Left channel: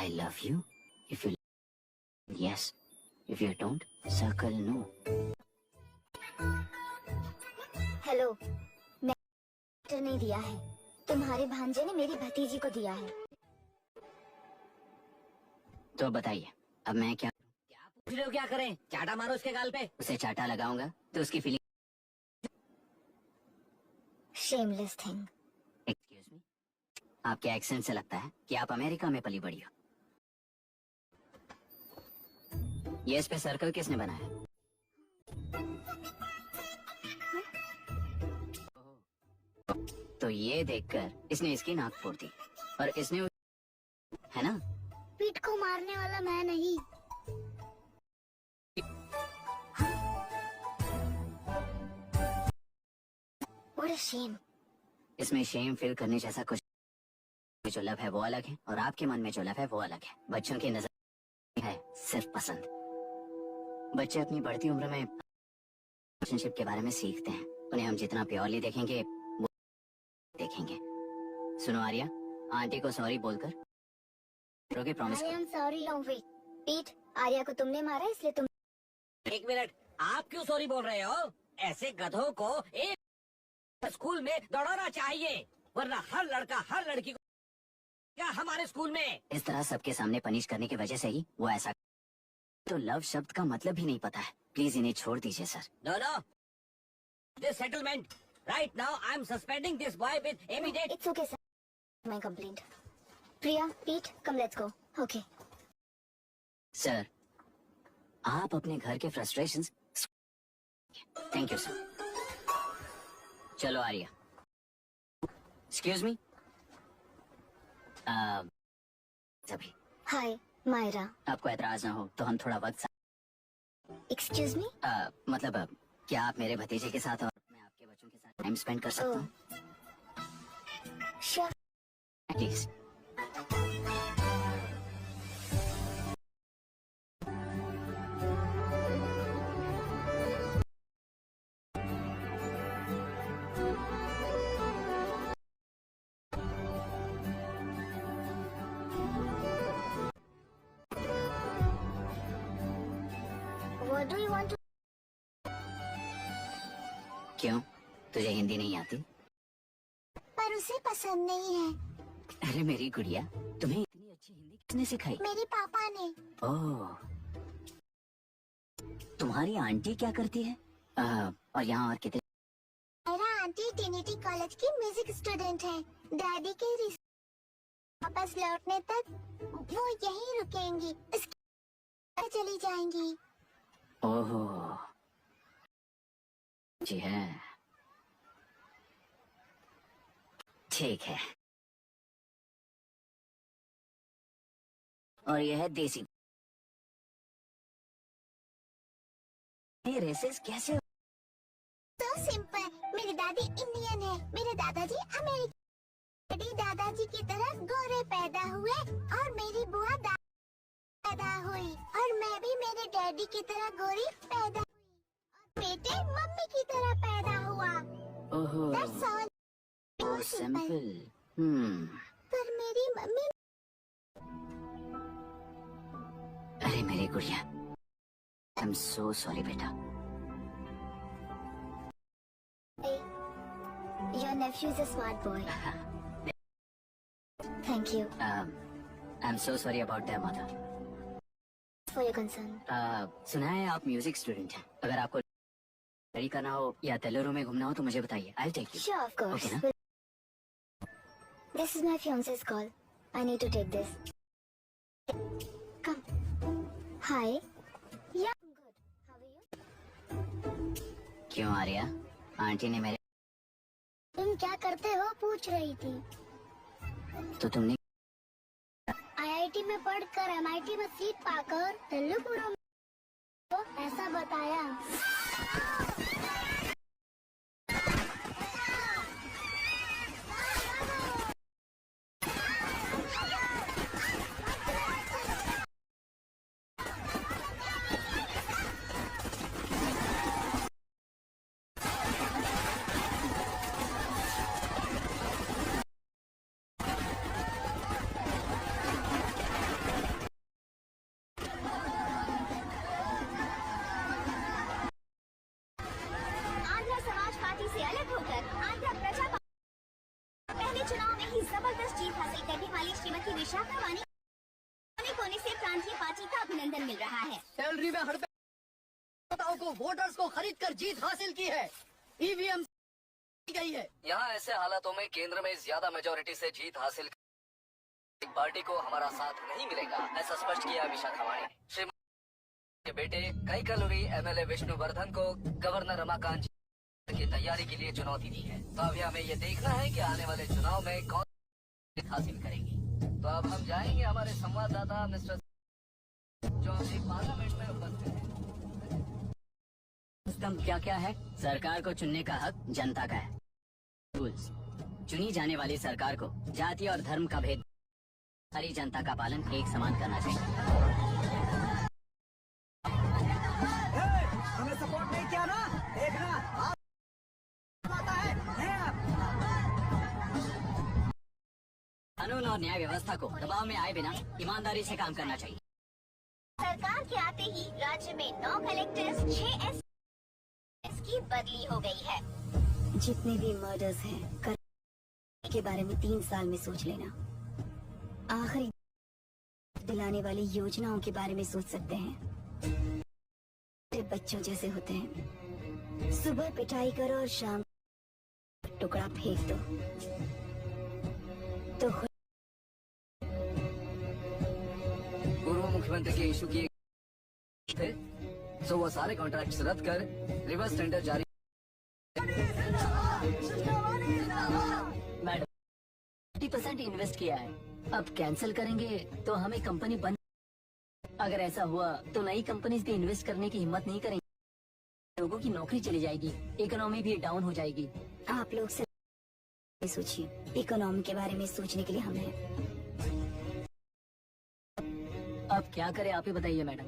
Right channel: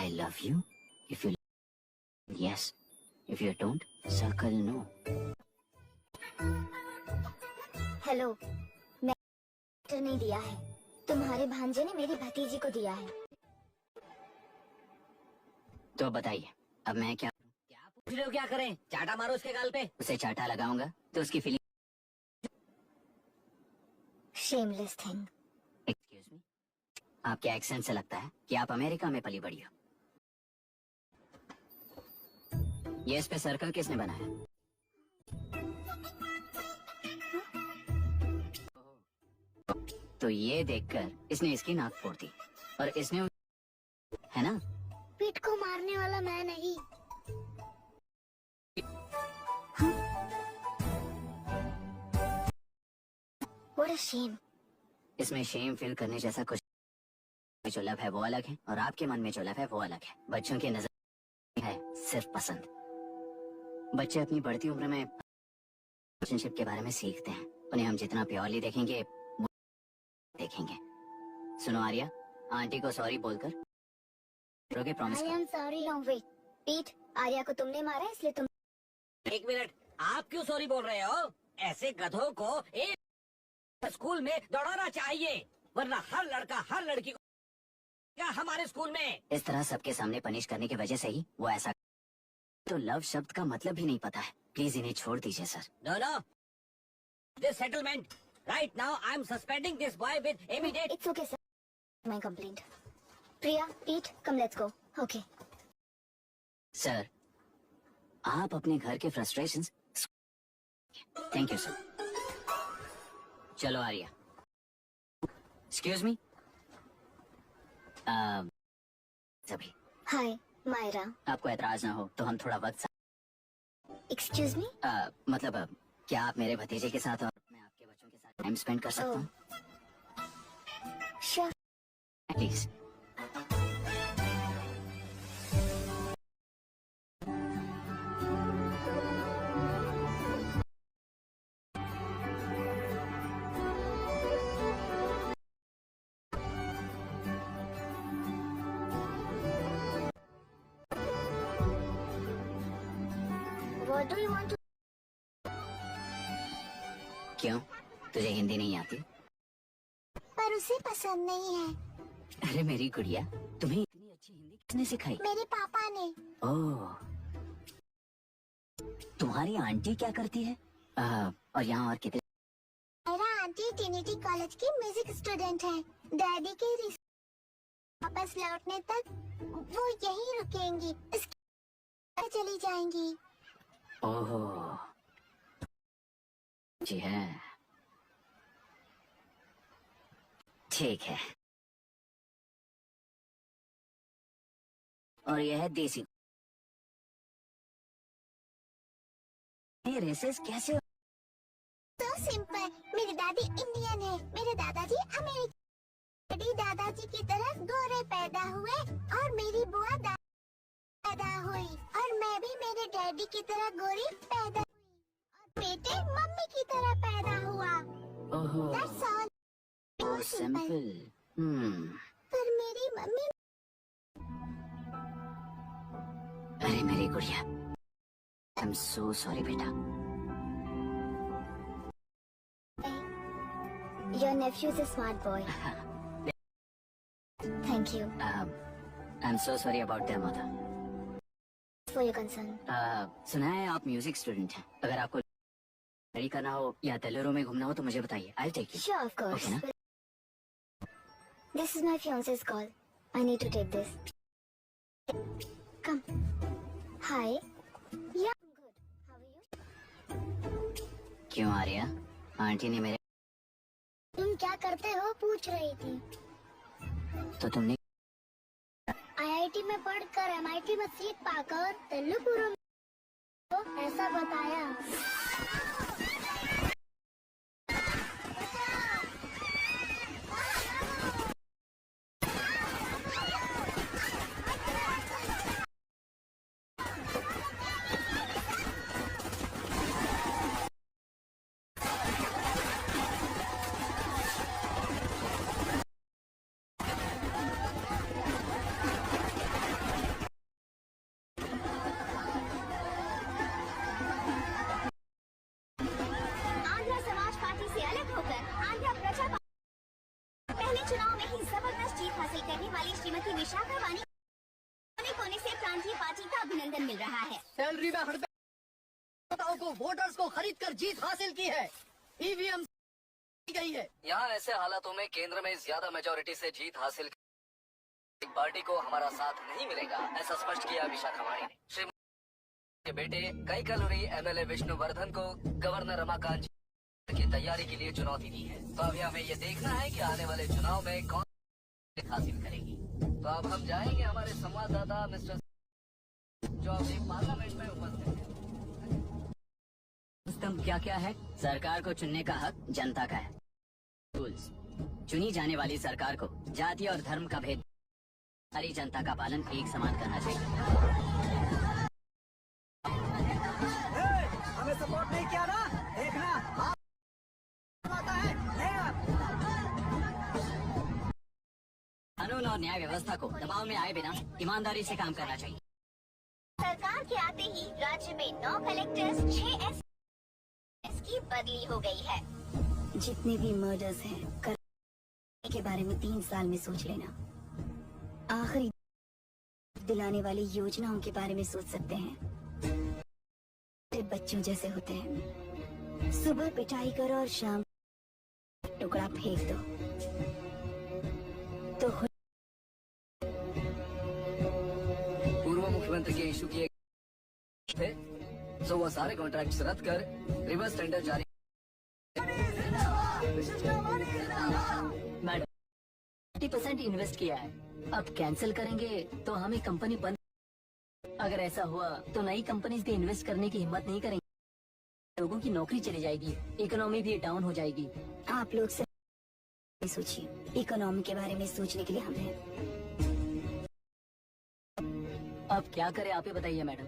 I love you. If you yes, if you don't, circle no. Hello, मैं तो नहीं दिया है, तुम्हारे भांजे ने मेरी भतीजी को दिया है। तो बताइए, अब मैं क्या पूछ रहे हो? क्या करें? चाटा मारो उसके गाल पे। उसे चाटा लगाऊंगा तो उसकी feeling. Shameless thing. Excuse me, आपके एक्सेंट से लगता है कि आप अमेरिका में पली बड़ी हो। ये इस पे सर्कल किसने बनाया? तो ये देखकर इसने इसकी नाक फोड़ दी और इसने है ना? पीठ को मारने वाला मैं नहीं। What a shame. इसमें शेम फील करने जैसा कुछ। जो लव है वो अलग है और आपके मन में जो लव है वो अलग है। बच्चों की नजर है सिर्फ पसंद। बच्चे अपनी बढ़ती उम्र में रिलेशनशिप के बारे में सीखते हैं। उन्हें हम जितना प्योरली देखेंगे वो देखेंगे। सुनो आर्या, आंटी को सॉरी बोलकर promise. I am sorry, no wait. पीठ, आर्या को तुमने मारा इसलिए तुम। एक मिनट, आप क्यों सॉरी बोल रहे हो? ऐसे गधों को एक स्कूल में दौड़ाना चाहिए, वरना हर लड़का हर लड़की को क्या हमारे स्कूल में इस तरह सबके सामने पनिश करने की वजह से ही वो ऐसा। तो लव शब्द का मतलब भी नहीं पता है। प्लीज इन्हें छोड़ दीजिए sir. No this settlement right now. I am suspending this boy with immediate. It's okay, sir. My complaint. Priya, पीठ, come let's go. Okay. Sir, आप अपने घर के फ्रस्ट्रेशंस। Thank you sir. चलो आर्या। Excuse me. सभी Hi, Myra. आपको एतराज ना हो तो हम थोड़ा वक्त Excuse me? मतलब क्या आप मेरे भतीजे के साथ और मैं आपके बच्चों के साथ टाइम स्पेंड कर सकता हूँ? Sure. Please. What do you want to? क्यों, तुझे हिंदी नहीं आती? पर उसे पसंद नहीं है। अरे मेरी गुड़िया, तुम्हें इतनी अच्छी हिंदी किसने सिखाई? मेरे पापा ने। ओह, तुम्हारी आंटी क्या करती है? और यहाँ और कितने? मेरा आंटी ट्रिनिटी कॉलेज की म्यूजिक स्टूडेंट है। डैडी के वापस लौटने तक वो यहीं रुकेंगी। इसके चली जाएंगी। ओहो, जी है, ठीक है। और यह है देसी। ये रेसेस कैसे? तो सिंपल। मेरी दादी इंडियन है, मेरे दादाजी अमेरिकन। मेरी दादाजी की तरह गोरे पैदा हुए और मेरी बुआ पैदा हुई और मैं भी मेरे डैडी की तरह गोरी पैदा हुई। बेटे मम्मी की तरह पैदा हुआ। ओहो, That's all. so simple. पर मेरी मम्मी। अरे मेरी गुड़िया, I'm so sorry बेटा। Hey, your nephew is a smart boy. Thank you I'm so sorry about their mother. for your concern. सुना है आप म्यूजिक स्टूडेंट हैं। अगर आपको स्टडी करना हो या तेलुरु में घूमना हो तो मुझे बताइए। I'll take you. Sure, of course. Okay, na? This is my fiance's call. I need to take this. Come. Hi. Yeah, I'm good. How are you? क्यों आर्या, आंटी ने मेरे तुम क्या करते हो पूछ रही थी। तो तुमने आईआईटी में पढ़कर एमआईटी में सीट पाकर तेलुगु को ऐसा बताया। की विशाखावाणी कोने कोने से प्रांतीय पार्टी का अभिनंदन मिल रहा है। सैलरी में हड़ताल को वोटर्स को खरीद कर जीत हासिल की है। ईवीएम गई है। यहाँ ऐसे हालातों में केंद्र में ज्यादा मेजोरिटी से जीत हासिल पार्टी को हमारा साथ नहीं मिलेगा, ऐसा स्पष्ट किया विशाखावाणी ने। श्री के बेटे कई कलोनी एमएलए विष्णुवर्धन को गवर्नर रमाकांत की तैयारी के लिए चुनौती दी है। तो अभी हमें ये देखना है कि आने वाले चुनाव में कौन जीत हासिल करेगी। तो अब हम जाएंगे हमारे संवाददाता मिस्टर जो अभी पार्लियामेंट में उपस्थित है। सिस्टम क्या क्या है? सरकार को चुनने का हक जनता का है। रूल्स, चुनी जाने वाली सरकार को जाति और धर्म का भेद सारी जनता का पालन एक समान करना चाहिए। हमें सपोर्ट नहीं किया ना, देखना कानून और न्याय व्यवस्था को दबाव में आए बिना ईमानदारी से काम करना चाहिए। सरकार के आते ही राज्य में 9 कलेक्टर्स 6 एस की बदली हो गई है। जितने भी मर्डर्स हैं के बारे में 3 साल में सोच लेना। आखिरी दिलाने वाली योजनाओं के बारे में सोच सकते हैं। बच्चों जैसे होते हैं, सुबह पिटाई करो और शाम टुकड़ा फेंक दो तो पूर्व मुख्यमंत्री के इशू किए थे, तो वो सारे कॉन्ट्रैक्ट्स रद्द कर रिवर्स टेंडर जारी। मैडम 50% इन्वेस्ट किया है, अब कैंसिल करेंगे तो हमें कंपनी बंद। अगर ऐसा हुआ तो नई कंपनीज भी इन्वेस्ट करने की हिम्मत नहीं करेंगी, लोगों की नौकरी चली जाएगी, इकोनॉमी भी डाउन हो जाएगी। आप लोग सब सोचिए, इकोनॉमी के बारे में सोचने के लिए हमें अब क्या करें आप ही बताइए मैडम।